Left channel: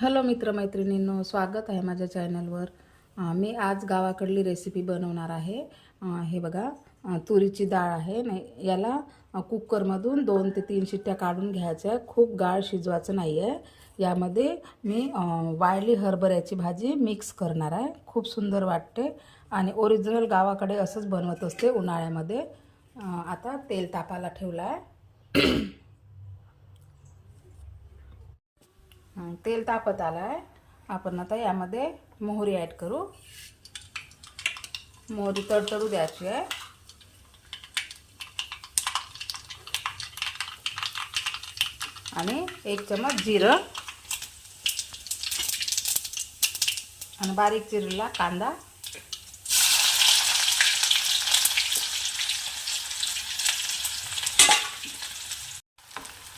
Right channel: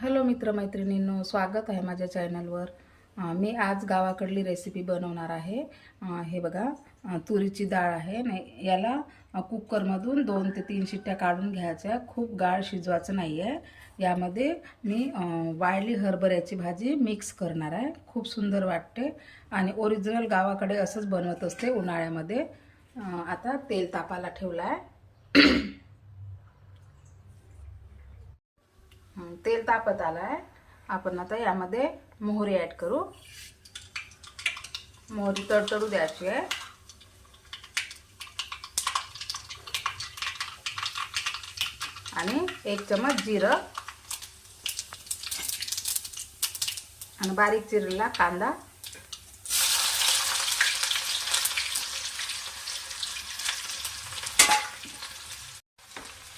Hello मित्रमैत्रिणींनो स्वागत आहे माझ्या चॅनलवर. मी आज गावाकडली रेसिपी बनवणार आहे. हे बघा तुरीची डाळ आहे. नाही याला कुकरमधून दोन ते तीन शिट्ट्या काढून घ्यायच्या. खूप गाळ शिजवायचं नाही आहे यामध्ये मी वाळली हरभऱ्याची भाजी मिक्स करणार आहे. खूप सुंदर वाटते. आणि ओरिजिनल गावाकडे असंच बनवत असते उन्हाळ्यामध्ये. आता तेल तापायला ठेवलं आहे हं, तेल तापत आलं आहे आपण आता यामध्ये मोहरी ॲड करू. मोहरी तडतडू द्यायची आहे. आणि एक चमच जिरं. आणि बारीक चिरलेला कांदा.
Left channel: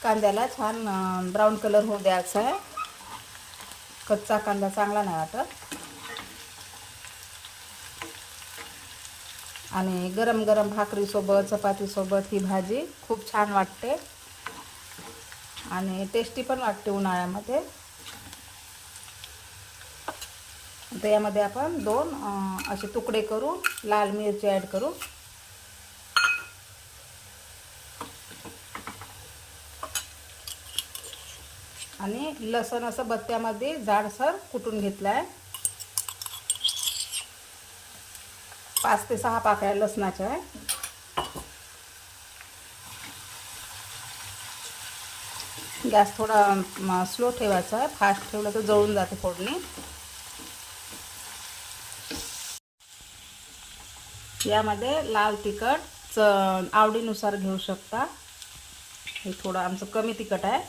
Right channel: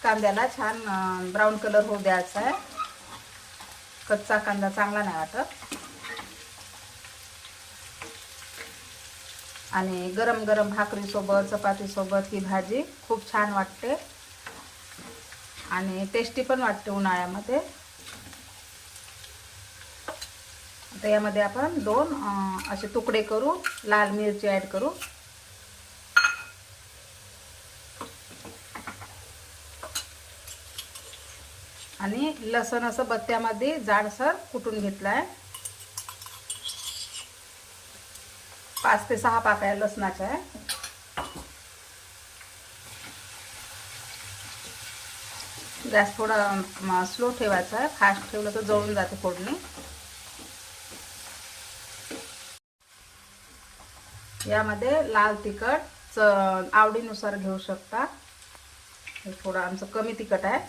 कांद्याला छान ब्राऊन कलर होऊ द्यायचा आहे. कच्चा कांदा चांगला नाही वाटत. आणि गरम गरम भाकरीसोबत चपातीसोबत ही भाजी खूप छान वाटते. आणि टेस्टी पण वाटते उन्हाळ्यामध्ये. तर यामध्ये आपण दोन असे तुकडे करू लाल मिरची ॲड करू आणि लसण असं बत्त्यामध्ये जाडसर कुटून घेतलं आहे पाच ते सहा पाकळ्या लसणाच्या आहे. गॅस थोडा स्लो ठेवायचा आहे. फास्ट ठेवलं तर जळून जाते फोडणी. यामध्ये लाल तिखट च आवडीनुसार घेऊ शकता. हे थोडं आमचं कमी तिखट आहे.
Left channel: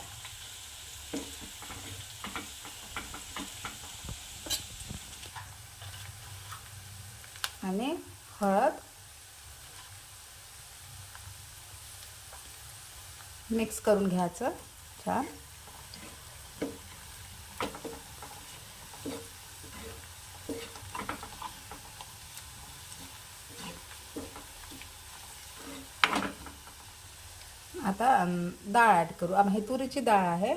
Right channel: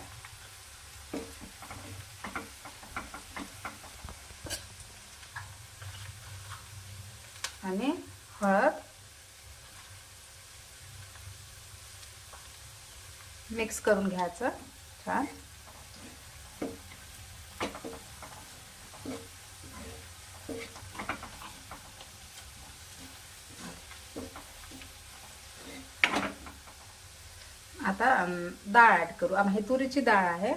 आणि हळद मिक्स करून घ्यायचं छान. आता डाळ ॲड करू. आम हे तुरीची डाळ आहे.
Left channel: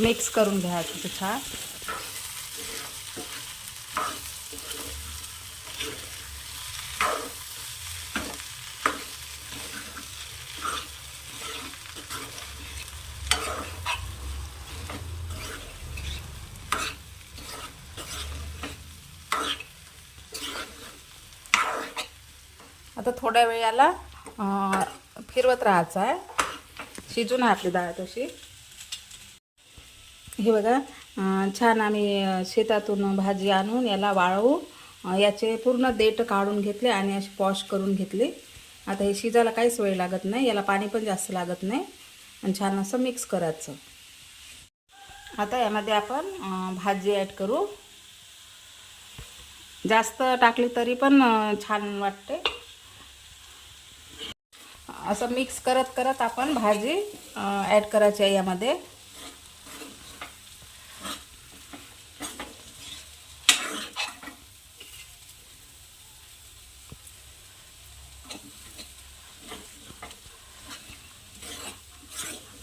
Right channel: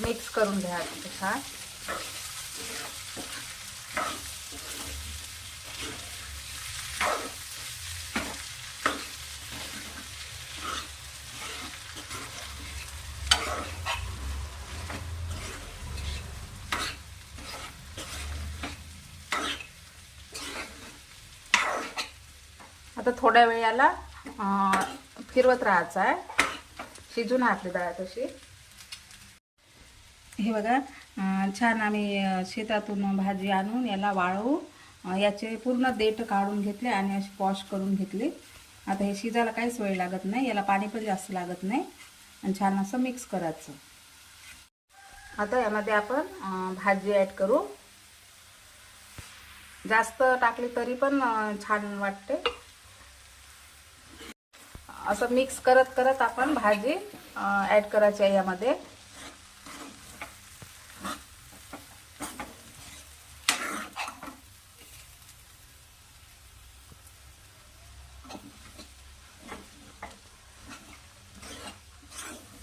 मिक्स करून घ्यायचं छान. आता थोड्या वेळ याला फिरवत राहायचं आहे. शिजून आपली डाळ तशी. हे बघा छान आम्ही शेतातून भाजी आणून याला वाळवू. याचे पूर्ण देठ काढून घेतले आणि असे पॉश करून घेतले. आता हे शिजायला काहीच वेळ लागत नाही याला पाणी पण जास्त लागत नाही. आणि छान असं मिक्स करायचं. आता यामध्ये आपण भाजी ॲड करू. जास्त टाकली तरी पण छान वाटते. असं मिक्स करत करत आपण भाजी ॲड करायची आहे यामध्ये.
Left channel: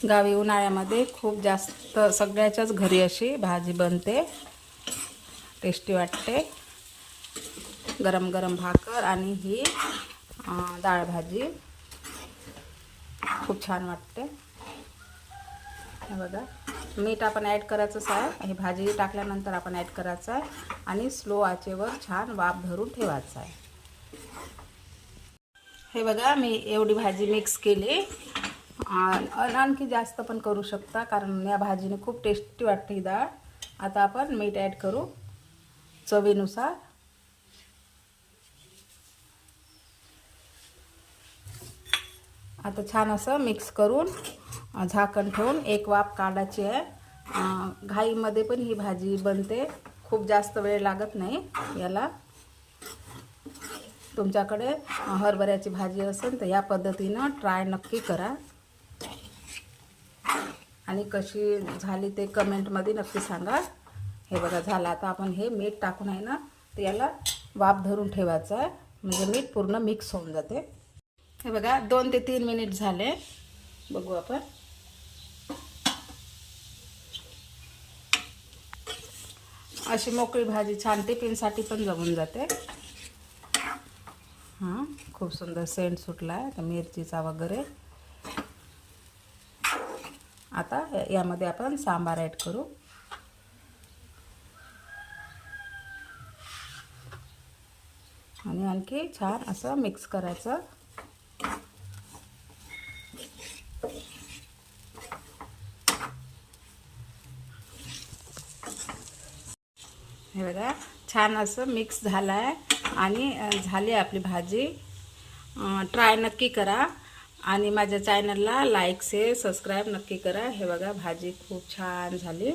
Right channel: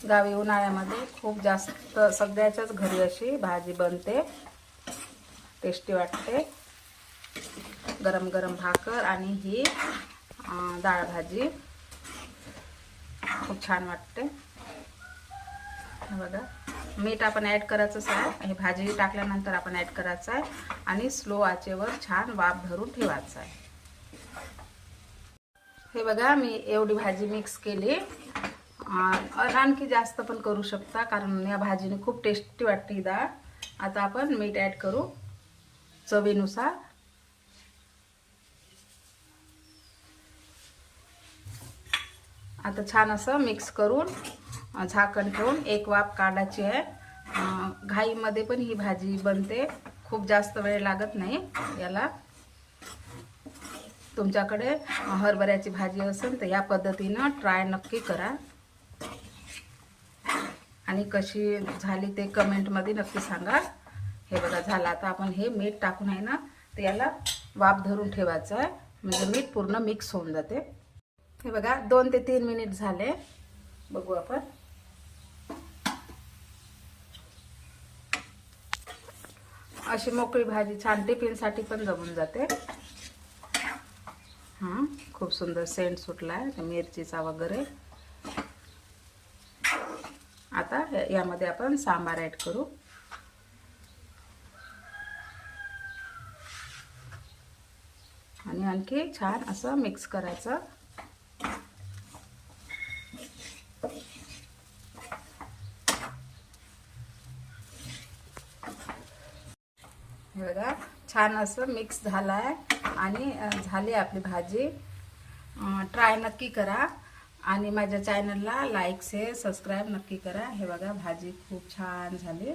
गावी उन्हाळ्यामध्ये खूप जास्त सगळ्याच्याच घरी अशी भाजी बनते. टेस्टी वाटते. गरम गरम भाकर आणि ही डाळ भाजी. खूप छान वाटते बघा. मीठ आपण ॲड करायचंच आहे. हे भाजी टाकल्यानंतर आपण ॲड करायचं आहे. आणि स्लो आचेवर छान वाफ धरून ठेवायचं आहे. हे बघा मी एवढी भाजी मिक्स केली. आणखी जास्त पण करू शकता कारण या भाजीने खूप टेस्टी वाटते ही डाळ. आता आपण मीठ ॲड करू. चवीनुसार. आता छान असं मिक्स करून झाकण ठेवून एक वाफ काढायची आहे. घाईमध्ये पण ही भाजी बनते. खूप जास्त वेळ लागत नाही याला. तुमच्याकडे हरभऱ्याची भाजी असेल तर या पद्धतीनं ट्राय नक्की करा. आणि कशी झाली ते कमेंटमध्ये नक्की सांगा. हे बघा झालं. आता आपण हे मीठ टाकून आहे ना तर याला वाफ धरून ठेवायचं आहे. म्हणजे मीठ पूर्ण मिक्स होऊन जाते. हे बघा दोन ते तीन मिनिट झाले. बघू आपण. अशी मोकळी भाजी छान टिफिनसाठी पण जमून जाते. खूप सुंदर सेंट सुटला आहे मिरचीचा वगैरे. आता यामध्ये आपण सांबार ॲड करू. आणि आणखी छान असं मिक्स करायचं. हे बघा छान असं मिक्स झालं आहे आणि झाली आपली भाजी. ट्राय नक्की करा. आणि माझ्या चॅनलला लाईक शेअर सबस्क्राईब नक्की करा. हे बघा भाजी खूप छान झाली.